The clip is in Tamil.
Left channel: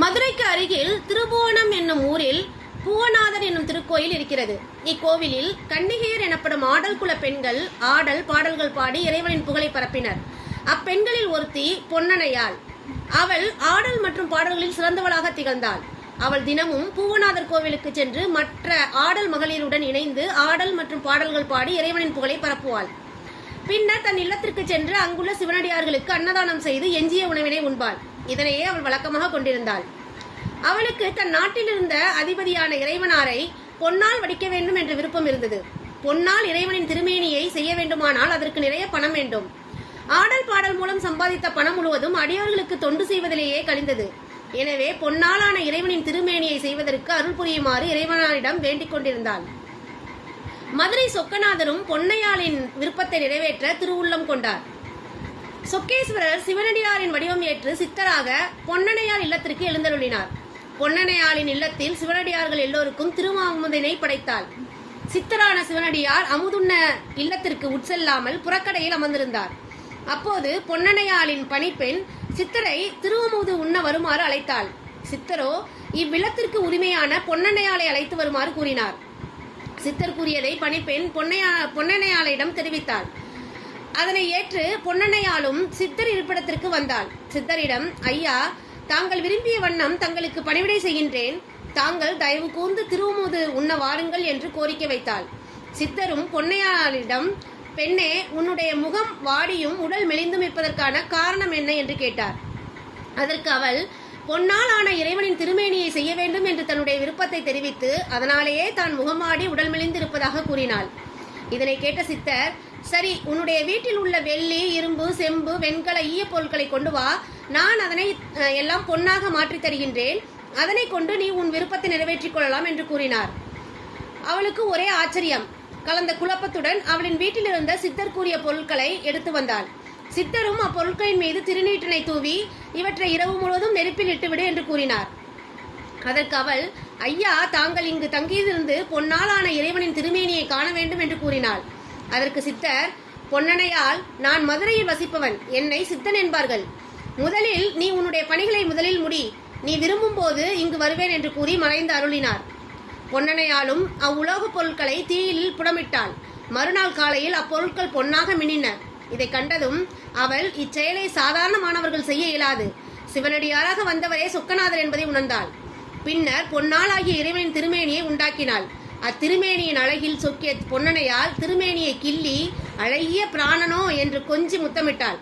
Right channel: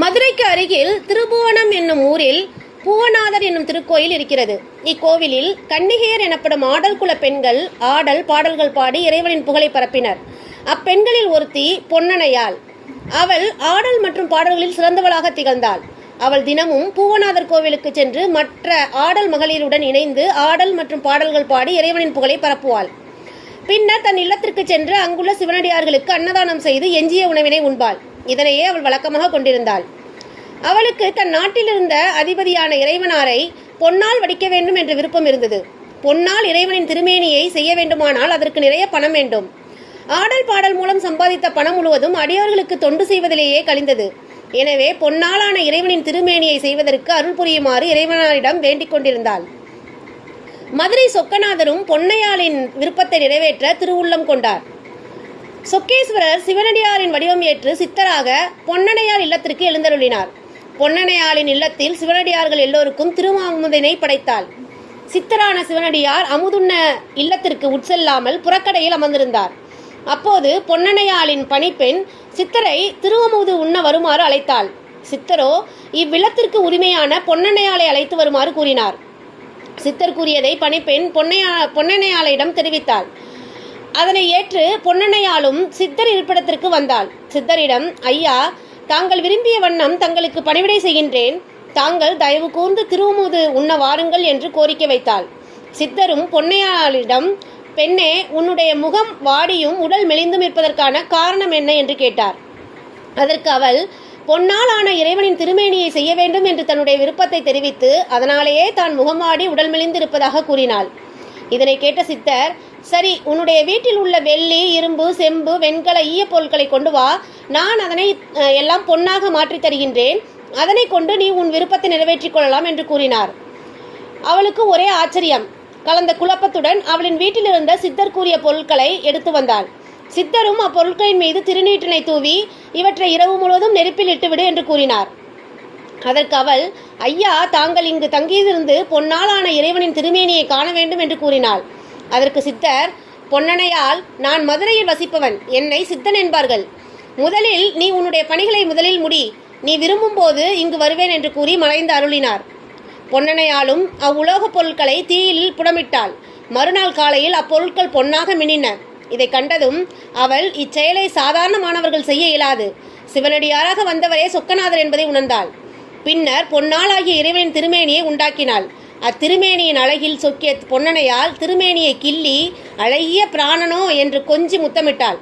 மதுரைக்கு அருகில் திருபுவனம் என்னும் ஊரில் பூவநாதர் என்னும் திருக்கோயில் இருக்கிறது. இக்கோவிலில் கன்னிகையர் எனப்படும் ஆடல் குல பெண்கள் ஆடல் பாடல்கள் பாடி இறைவனின் புகழை பரப்பினர். அப்பெண்களில் ஒருத்தி பொன்னனையாள். அவள் ஆடல் மற்றும் பாடல்களில் சிறந்தவளாக திகழ்ந்தாள். அவள் தினமும் பூவநாதர் கோவிலுக்கு சென்று மற்ற ஆடல் மகளிருடன் இணைந்து ஆடல் மற்றும் பாடல்கள் பாடி இறைவனின் புகழை பரப்புவாள். பின்னர் தன் இல்லத்திற்கு சென்று அங்குள்ள சிவனடியார்களுக்கு அன்னதானம் செய்து எஞ்சிய உணவினை உண்பாள். இதனையே அவள் வழக்கமாக கொண்டிருந்தாள். அவளுக்கு தன் நாட்டில் இருந்த அதிபதியான இறைவனாரை பொன்னால் வடிக்க வேண்டும் என்ற விருப்பம் இருந்தது. பொன்னால் இறைவனின் திருமேனியை செய்ய வேண்டுமானால் அதற்கு நிறைய பணம் வேண்டும். ஆடல் பாடல் மூலம் சம்பாதித்த பணம் முழுவதும் அடியோர்களுக்கு தொண்டு செய்வதிலேயே கழிந்தது. எனவே பொன்னாலான இறைவனின் திருமேனியை செய்வதற்கு அருள் புரியுமாறு இறைவனாரிடம் வேண்டிக் கொண்டிருந்தாள். மதுரை சொக்கநாதரும் பொன்னையாளின் விருப்பத்தை நிறைவேற்ற திருவுள்ளம் கொண்டார். சொக்கேஸ்வரர் சிவனடியாரின் வடிவம் ஏற்று சித்தராக பொன்னனையார் இல்லத்திற்கு எழுந்தருளினார். பொன்னனையாளின் இல்லத்தில் சிவனடியார்கள் எல்லோருக்கும் திருமாமுதினை படைத்தாள். சித்தரான சிவனடியார் அமுதுண்ண இல்லத்திற்கு உட்செல்லாமல் புறக்கடையில் அமர்ந்திருந்தார். அப்போது பொன்னனையாளின் பணிப்பெண் சித்தரை திருவமுது உண்ண வருமாறு அழைத்தாள். சித்தரோ இவ்வில்லத்திற்கு உரிமையான பொன்னனையாளை அழைத்து வருமாறு கூறினார். சித்தர் கூறியதை பணிப்பெண் பொன்னனையாளிடம் தெரிவித்தாள். அதனை ஏற்று பொன்னனையாளும் சித்தர் இருப்பிடத்திற்கு வந்தாள். சித்தரிடம், ஐயா, தாங்கள் விரும்பிய வண்ணம் தங்களுக்கு பணிவிடை செய்கின்றேன். தாங்கள் தயவு கூர்ந்து திருமுது உண்ண வாருங்கள் என்று கோரிக்கை வைத்தாள். சித்தரும் பொன்னையாளிடம், பெண்ணே, உன்னுடைய முகம் வாடியும் உடல் மெலிந்தும் இருப்பதற்கான காரணம் என்ன என்று கேட்டார். அதற்கு அவள், பொன்னால் ஆன இறைவனின் திருமேனியை செய்ய வேண்டும் என்று தன்னுடைய விருப்பத்தை தெரிவித்து அதனாலேயே தான் முகம் வாடி உடல் மெலிந்து இருப்பதாக கூறினாள். இதனை கேட்ட சித்தர், சரி, உன்னுடைய வீட்டில் உள்ள வெள்ளி, இரும்பு, செம்பு, வெண்கல ஈய பொருட்களை கொண்டு வா. நான் அதனை எல்லாம் பொன்னாக மாற்றி தருகின்றேன். அதனை கொண்டு நீ உன் விருப்பத்தை நிறைவேற்றிக் கொள்ளலாம் என்று கூறினார். அவளுக்கு ஒரே ஆச்சரியம் கலந்த குழப்பத்துடன் அவளின் வீட்டில் இருந்த சித்தர் கூறிய பொருட்களை எடுத்து வந்தாள். சித்தரும் அப்பொருட்களின் மீது திருநீற்றினை தூவி இவற்றை இரவு முழுவதும் நெருப்பில் இட்டுவிடு என்று கூறினார். அதற்கு அவள், ஐயா, தாங்கள் இங்கு தங்கியிருந்து பொன்னாலான இறைவனின் திருமேனியை காண வேண்டும் என்று கூறினாள். அதற்கு சித்தர், பொன்னனையால், நான் மதுரையில் வசிப்பவன். என்னை சித்தன் என்பார்கள். முதலில் நீ உன்னுடைய பணிகளை முதலில் முடி. நீ விரும்பும் போது இங்கு வருவேன் என்று கூறி மறைந்து அருளினார். பொன்னனையாலும் அவ்வுலோகப் பொருட்களை தீயில் புடமிட்டாள். மறுநாள் காலையில் அப்பொருட்கள் பொன்னாக மின்னின. இதை கண்டதும் அவள், இச்செயலை சாதாரணமானவர்கள் செய்ய இயலாது. சிவனடியாராக வந்தவரே சொக்கநாதர் என்பதை உணர்ந்தாள். பின்னர் பொன்னாளாகிய இறைவனின் திருமேனியை உண்டாக்கினாள். அத்திருமேனியின் அழகில் சொக்கிய பொன்னனையால் திருமேனியை கிள்ளி, அழகிய பிராணனோ என்று கொஞ்சி முத்தமிட்டாள்.